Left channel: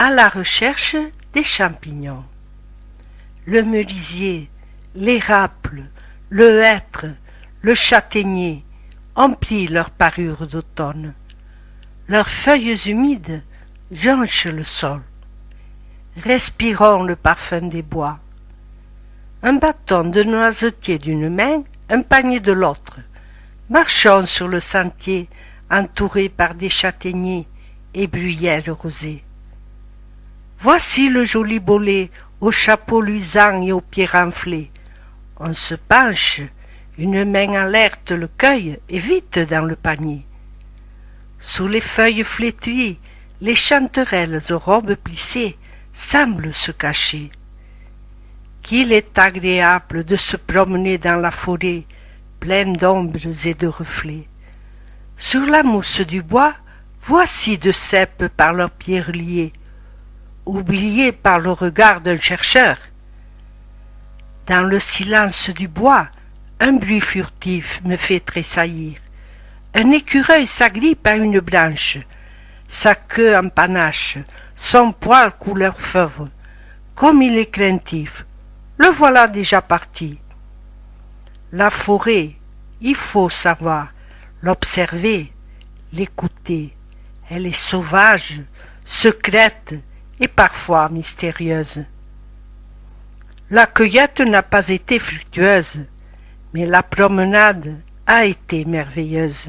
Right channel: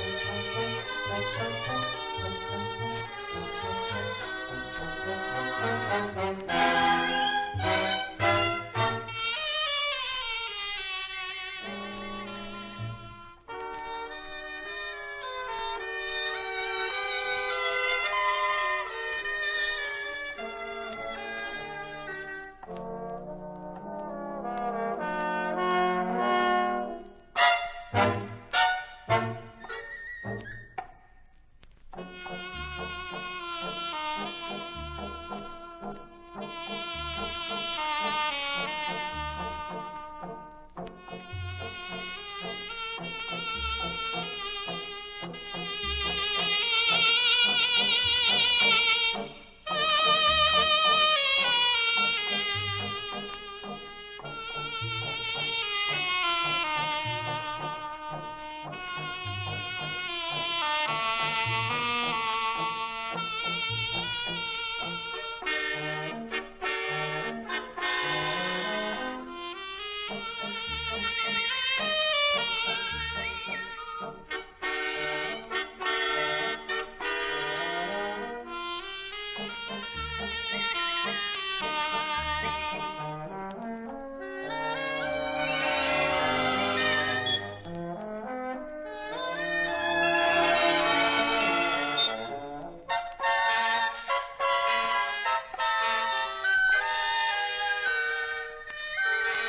à la recherche des champignons. Le merisier, l'érable, le hêtre, le châtaignier emplissent leurs parures d'automne. Leurs feuilles humides jonchent le sol. Respirons le parfum des bois. Un bâton de noisetier d'une main, un panier de l'autre. Marchons sur le sentier, entourés par des châtaigniers et bruyères rosées. Voici le joli bolet, au chapeau luisant et aux pieds renflés. On se penche, une main alerte le cueille et vite dans le panier. Sous les feuilles flétries, les chanterelles aux robes plissées semblent se cacher. Qu'il est agréable de se promener dans la forêt, pleine d'ombres et de reflets. Sur la mousse du bois, voici de cèpes par leurs pieds reliés, oubliés par le regard d'un chercheur. Dans le silence du bois, un bruit furtif me fait tressaillir. Un écureuil s'agrippe à une branche, sa queue en panache, son poil couleur fauve. Comme il est craintif, le voilà déjà parti. La forêt, il faut savoir l'observer, l'écouter. Elle est sauvage, secrète et parfois mystérieuse. La cueillette n'a pas été fructueuse, mais la promenade a été merveilleuse.